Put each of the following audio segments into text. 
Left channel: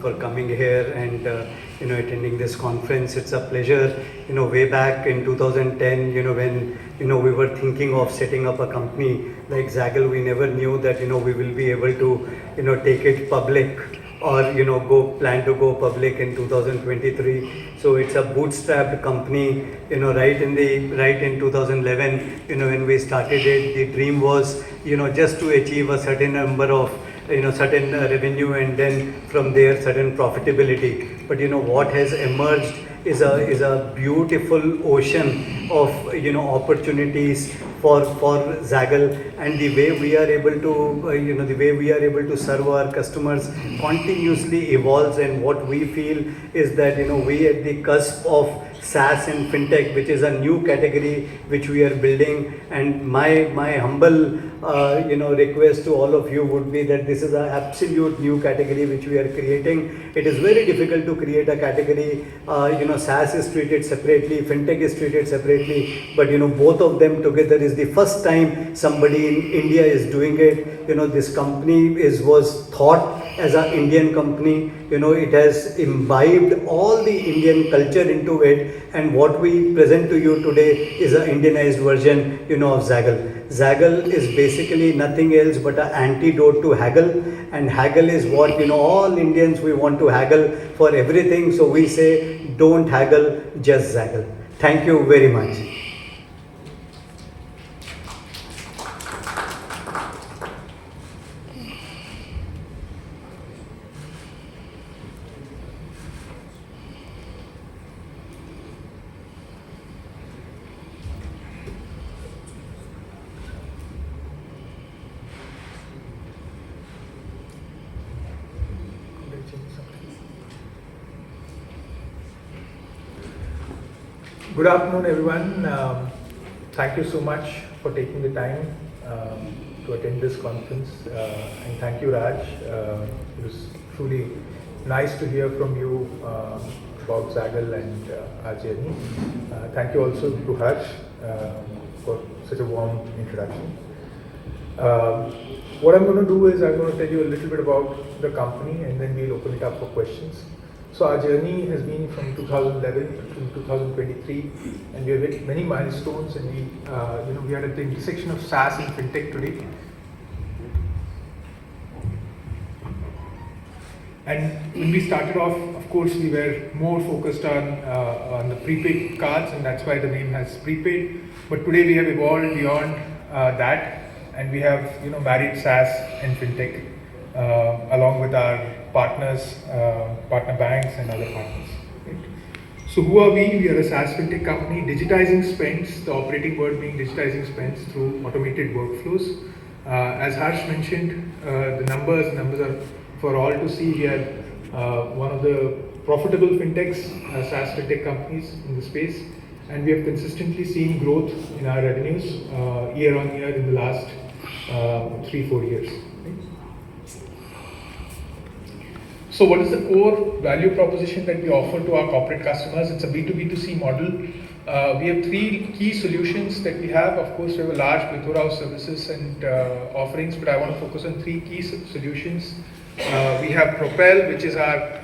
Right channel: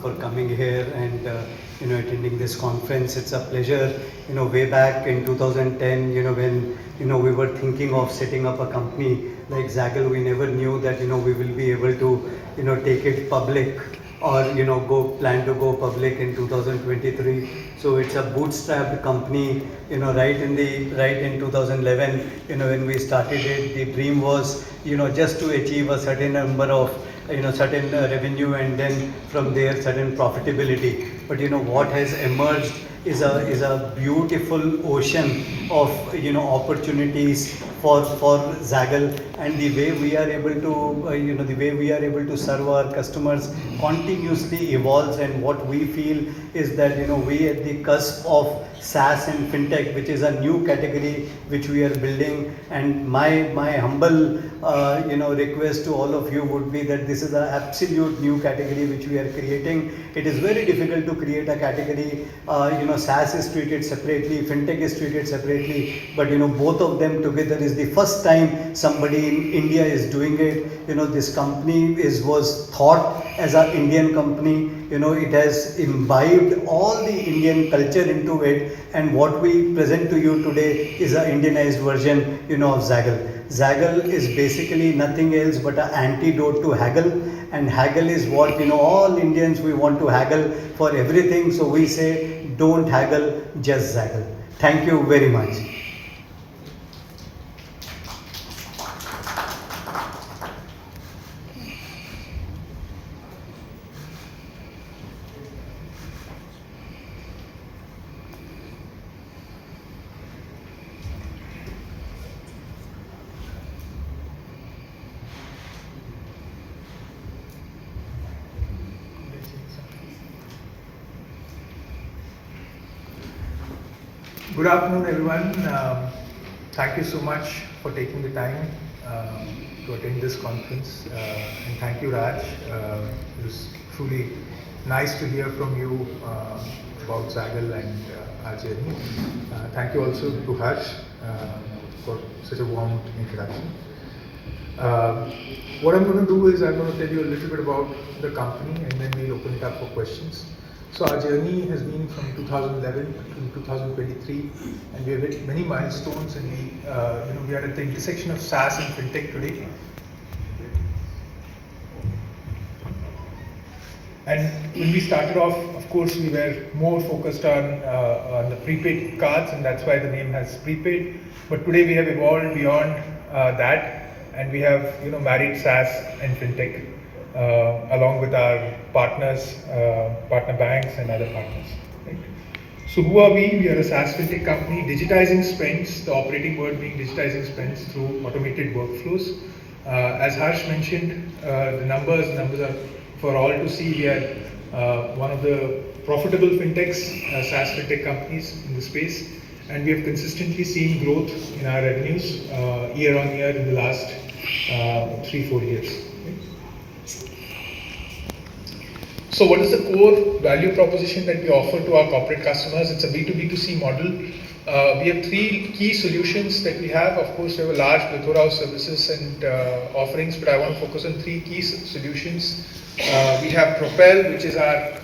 for coming here and attending this conference. It's a pleasure. Way back in 2010, when we were thinking of setting up a company like Zaggle, we never knew that we will be able to take it public or plan to go public in 2023. So it's a bootstrapped company, right in 2011, when we started it. The dream was just to achieve a certain number of certain revenue, and then from there certain profitability. But what has emerged is a beautiful ocean of opportunities for Zaggle, and the way we are able to serve our customers continuously evolves. And what we feel is that we at the cusp of SaaS and fintech, which is a new category which we are building. And my humble request to all of you would be that this is an absolute new category which we are creating. It is very difficult to create a category. SaaS is treated separately, fintech is treated separately, but both of them together is the first time somebody in India is doing it. This company was thought as an Indian company. It has imbibed all the Indian culture into it, and what we present to you today is an Indianized version of Zaggle. Zaggle is basically nothing else but an antidote to haggle, and haggle is what all Indians, we want to haggle for everything. So we say, don't haggle, just Zaggle. Thank you very much. Good afternoon, everyone. Thank you so much for taking the time to attend this conference, and thank you, Raj. It was truly nice to hear from you about Zaggle and our journey. Thank you also to Harsh for such a warm introduction. What I'm going to do is I'm going to tell you a little bit about the company, and then we'll open it up for questions. So our journey has been from 2011 to 2023, and we have hit many milestones, and we are at the intersection of SaaS and fintech today. And when we started off, of course, we were more focused on the prepaid cards, and that's why the name has prepaid. But today we have evolved beyond that, and we have married SaaS and fintech along with our partners, partner banks and other partners. Right? So who are we? We are a SaaS fintech company digitizing spends, the operating word being digitizing spends through automated workflows. As Harsh mentioned, the numbers are for all to see. We are one of the profitable fintechs, SaaS fintech companies in the space, and we have consistently seen growth in our revenues year on year in the last 3-4 years. So what is the core value proposition that we offer to our corporate customers? It's a B2B2C model. We have 3 key solutions that we have. Of course, we have a large plethora of services and offerings, but I want to focus on 3 key solutions. We have Propel, which is our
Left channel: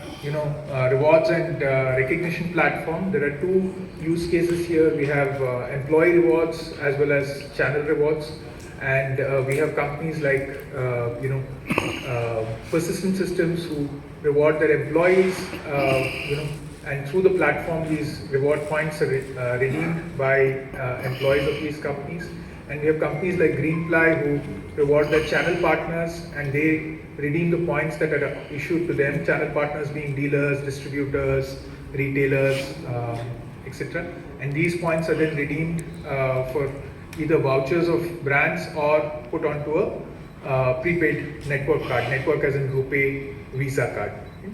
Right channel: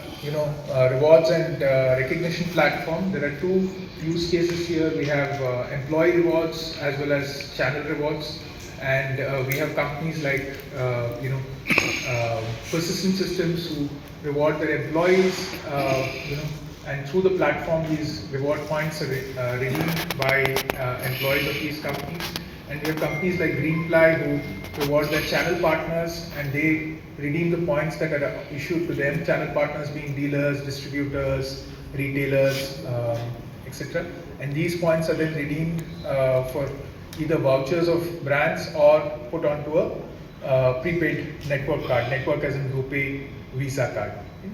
rewards and recognition platform. There are 2 use cases here. We have employee rewards as well as channel rewards. And we have companies like Persistent Systems who reward their employees, and through the platform these reward points are redeemed by employees of these companies. And we have companies like Greenply who reward their channel partners, and they redeem the points that are issued to them, channel partners being dealers, distributors, retailers, etc. And these points are then redeemed for either vouchers of brands or put onto a prepaid network card, network as in RuPay Visa card. Okay.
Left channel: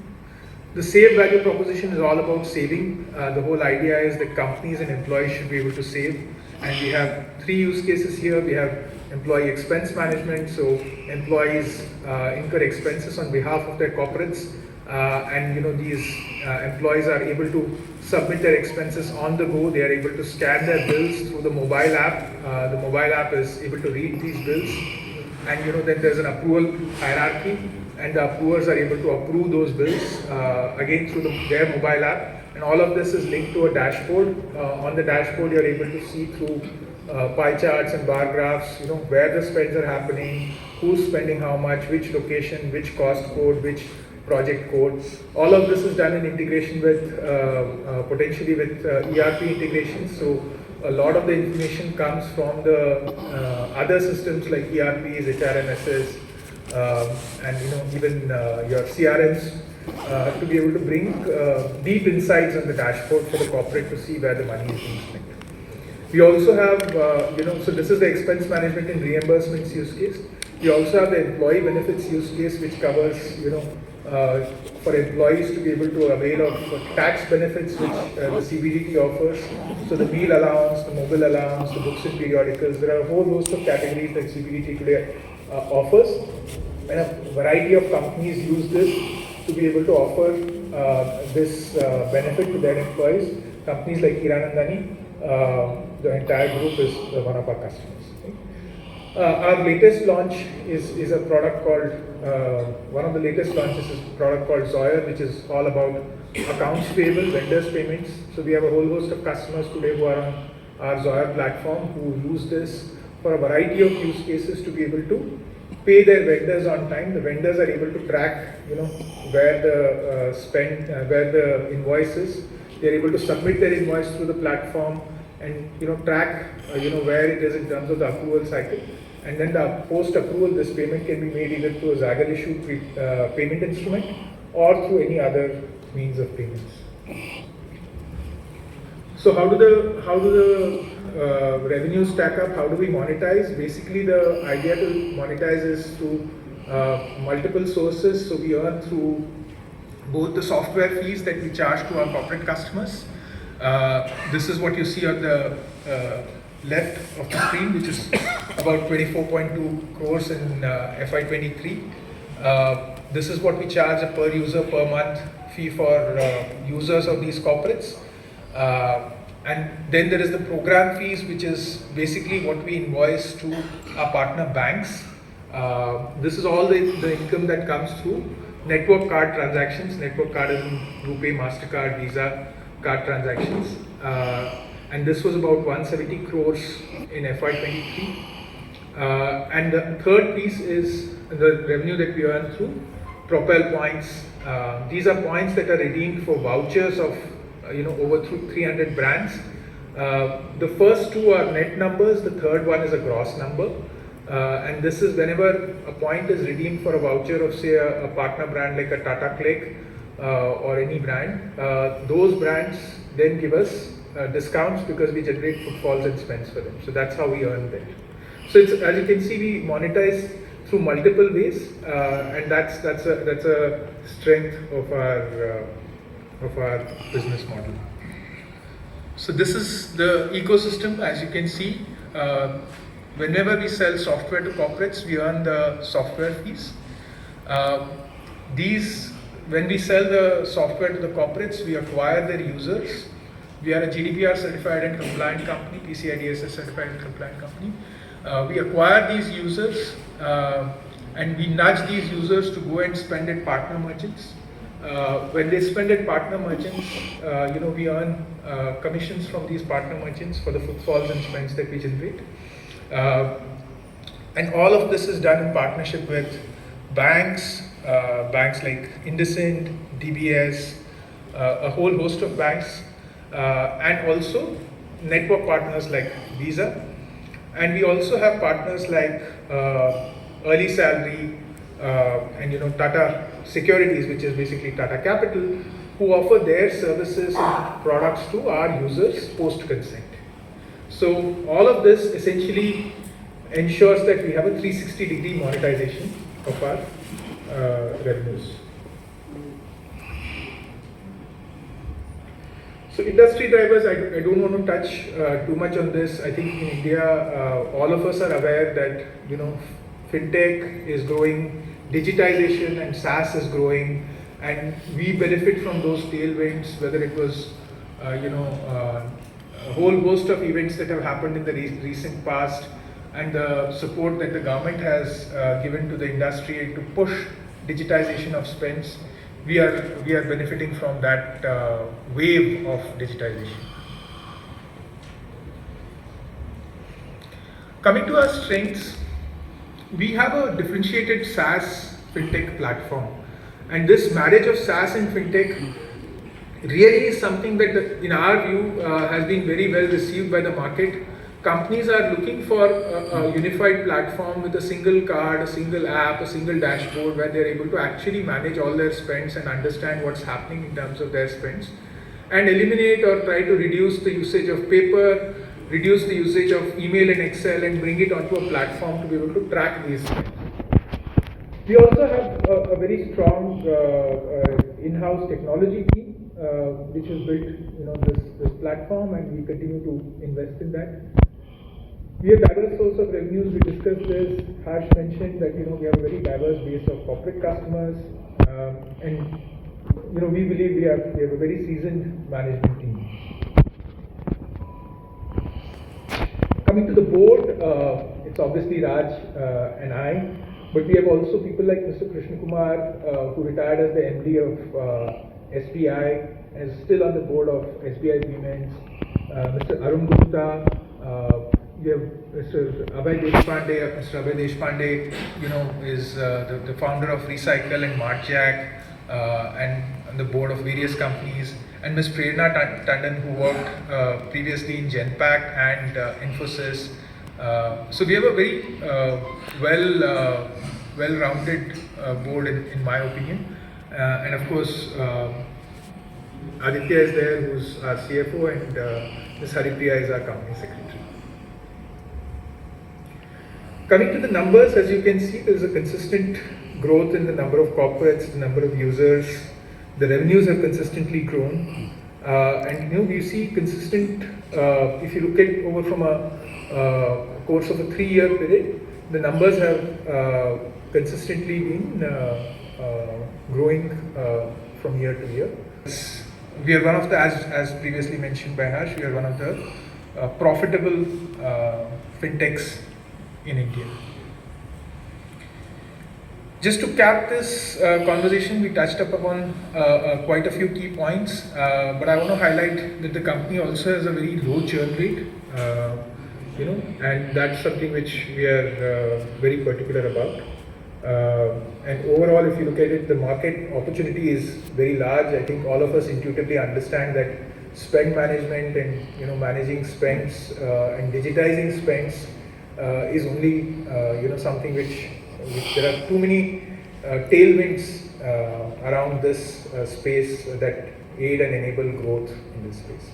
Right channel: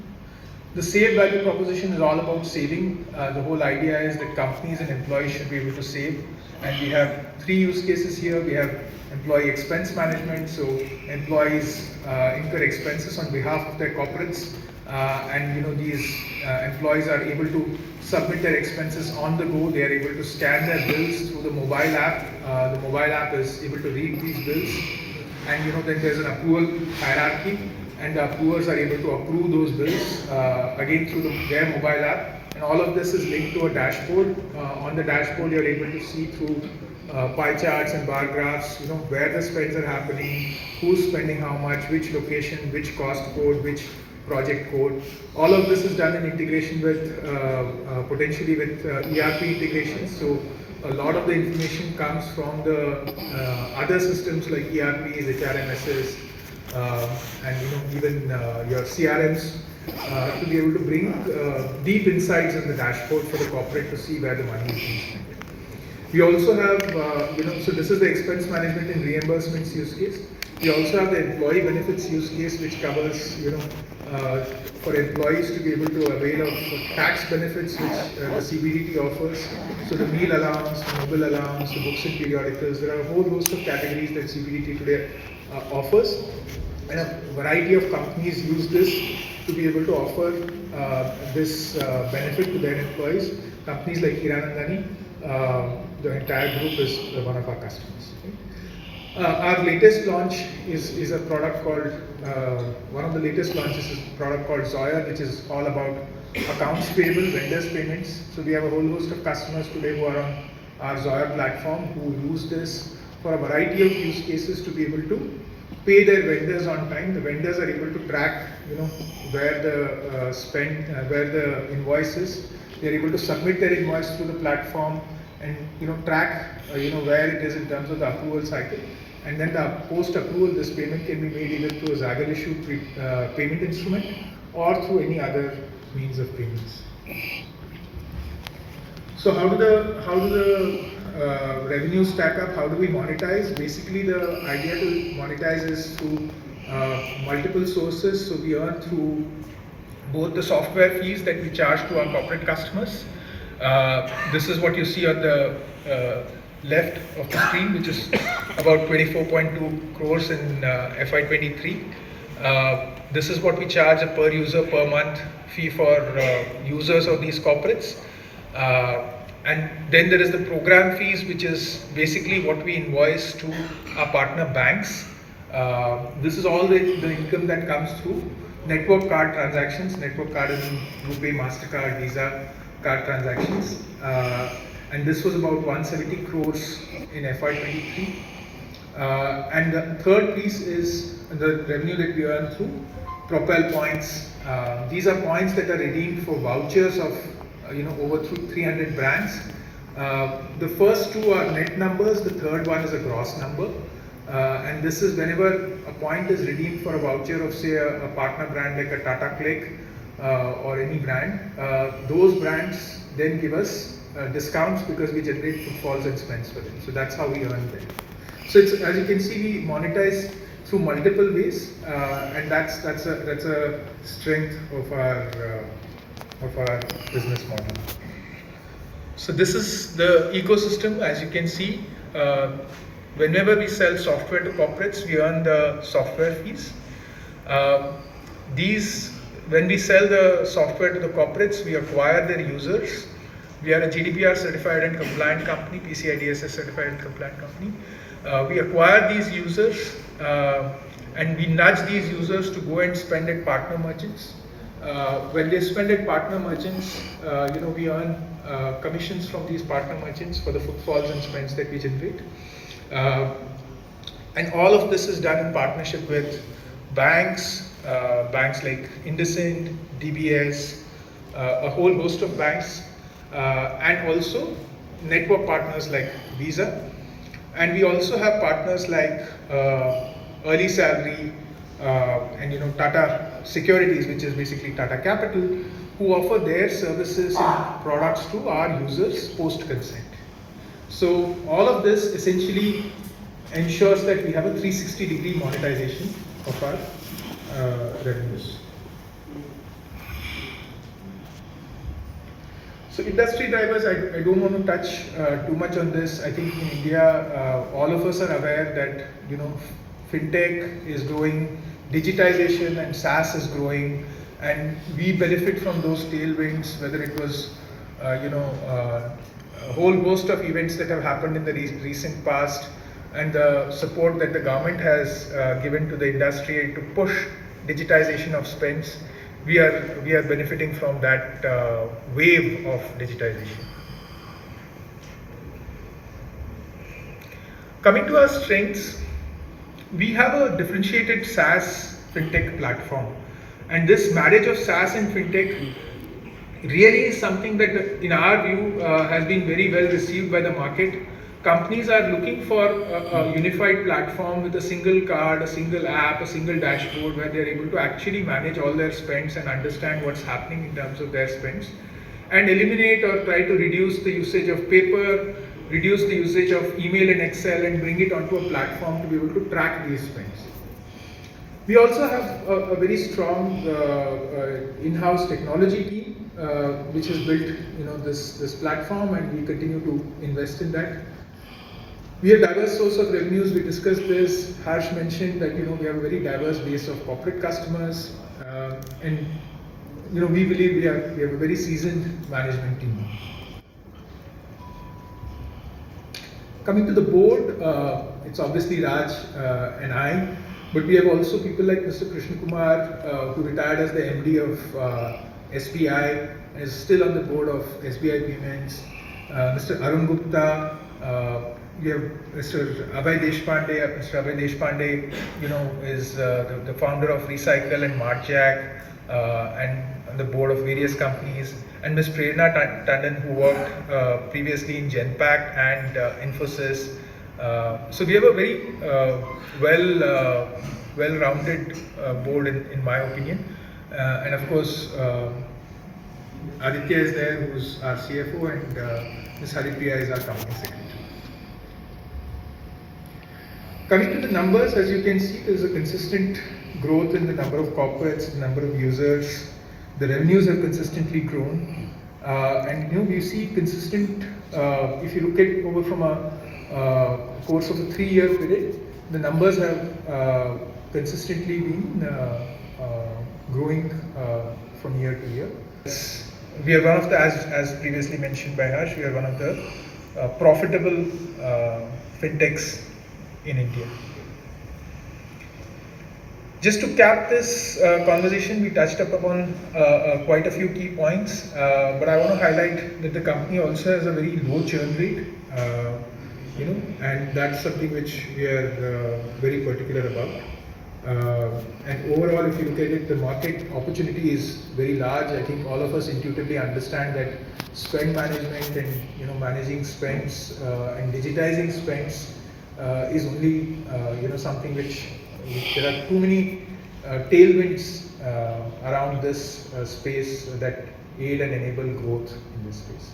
The save value proposition is all about saving. The whole idea is that companies and employees should be able to save, and we have 3 use cases here. We have employee expense management, so employees incur expenses on behalf of their corporates, and these employees are able to submit their expenses on the go. They are able to scan their bills through the mobile app. The mobile app is able to read these bills, and then there's an approval hierarchy, and the approvers are able to approve those bills again through their mobile app. And all of this is linked to a dashboard. On the dashboard, you're able to see through pie charts and bar graphs, where the spends are happening, who's spending how much, which location, which cost code, which project code. All of this is done in integration with potentially with ERP integrations. So a lot of the information comes from the other systems like ERPs, HRMSs, and even your CRMs to be able to bring deep insights on the dashboard for the corporate to see where the money is being spent. We also have, so this is the expense management and reimbursements use case. We also have the employee benefits use case, which covers, for employees to be able to avail of tax benefits which the CBDT offers. So the meal allowance, the mobile allowance, the books and periodicals, there are a whole host of categories that CBDT today offers. And a variety of companies use this to be able to offer this benefit to their employees. Companies like Hiranandani, the entire group is one of our customers. Our latest launch is a product called, one of the latest launches is a product called Zoya, which is all about accounts payable, vendors payments. So we have a whole host of customers today who are on our Zoya platform who use this for a variety of use cases to be able to pay their vendors on time. The vendors are able to track, where the spend, where the invoice is. They're able to submit their invoice through the platform and track, where it is in terms of the approval cycle. And then the post-approval, this payment can be made either through a Zaggle issued payment instrument or through any other means of payments. So how do the revenues stack up? How do we monetize? Basically, the idea to monetize is through multiple sources. So we earn through both the software fees that we charge to our corporate customers. This is what you see on the left of the screen, which is about 24.2 crores in FY23. This is what we charge a per user per month fee for users of these corporates. And then there is the program fees, which is basically what we invoice to our partner banks. This is all the income that comes through network card transactions. Network card is RuPay, MasterCard, Visa card transactions. And this was about 170 crores in FY23. And the third piece is the revenue that we earn through Propel points. These are points that are redeemed for vouchers of over 300 brands. The first two are net numbers, the third one is a gross number. And this is whenever a point is redeemed for a voucher of, say, a partner brand like a Tata Click or any brand, those brands then give us discounts because we generate footfalls and spends for them. So that's how we earn them. So it's, as you can see, we monetize through multiple ways, and that's a strength of our business model. So this is the ecosystem. As you can see, whenever we sell software to corporates, we earn the software fees. When we sell the software to the corporates, we acquire their users. We are a GDPR certified and compliant company, PCI DSS certified and compliant company. We acquire these users and we nudge these users to go and spend at partner merchants. When they spend at partner merchants, we earn commissions from these partner merchants for the footfalls and spends that we generate. And all of this is done in partnership with banks, banks like IndusInd, DBS, a whole host of banks, and also network partners like Visa. And we also have partners like Early Salary and Tata Securities, which is basically Tata Capital, who offer their services and products to our users post-consent. So all of this essentially ensures that we have a 360-degree monetization of our revenues. So industry drivers, I don't want to touch too much on this. I think in India, all of us are aware that fintech is growing, digitization and SaaS is growing, and we benefit from those tailwinds. Whether it was a whole host of events that have happened in the recent past, and the support that the government has given to the industry to push digitization of spends. We are benefiting from that wave of digitization. Coming to our strengths, we have a differentiated SaaS fintech platform, and this marriage of SaaS and fintech really is something that, in our view, has been very well received by the market. Companies are looking for a unified platform with a single card, a single app, a single dashboard where they're able to actually manage all their spends and understand what's happening in terms of their spends, and eliminate or try to reduce the usage of paper, reduce the usage of email and Excel, and bring it onto a platform to be able to track these spends. We also have a very strong in-house technology team which has built this platform, and we continue to invest in that. We have diverse source of revenues. We discussed this. Harsh mentioned that we have a very diverse base of corporate customers, and we believe we have a very seasoned management team. Coming to the board, it's obviously Raj and I, but we have also people like Mr. Krishna Kumar, who retired as the MD of SBI, and is still on the board of SBI Payments. Mr. Arun Gupta. We have Mr. Abhay Deshpande. Mr. Abhay Deshpande, is the founder of Recycle and Martjack, and on the board of various companies. And Ms. Prerna Tandon, who worked previously in Genpact and Infosys. So we have a very well-rounded board, in my opinion. And of course, Aditya is there, who's our CFO, and Ms. Haripriya is our company secretary. Coming to the numbers, as you can see, there is a consistent growth in the number of corporates, the number of users. The revenues have consistently grown, and we see consistent. If you look at over from a course of a 3-year period, the numbers have consistently been growing from year to year. We are one of the, as previously mentioned by Harsh, we are one of the profitable fintechs in India. Just to cap this conversation, we touched upon quite a few key points, but I want to highlight that the company also has a very low churn rate, and that's something which we are very particular about. And overall, if you look at it, the market opportunity is very large. I think all of us intuitively understand that spend management and managing spends and digitizing spends is only something which there are too many tailwinds around this space that aid and enable growth in this space.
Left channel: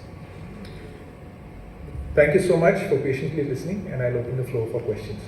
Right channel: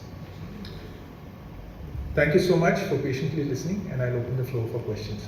Thank you so much for patiently listening, and I'll open the floor for questions.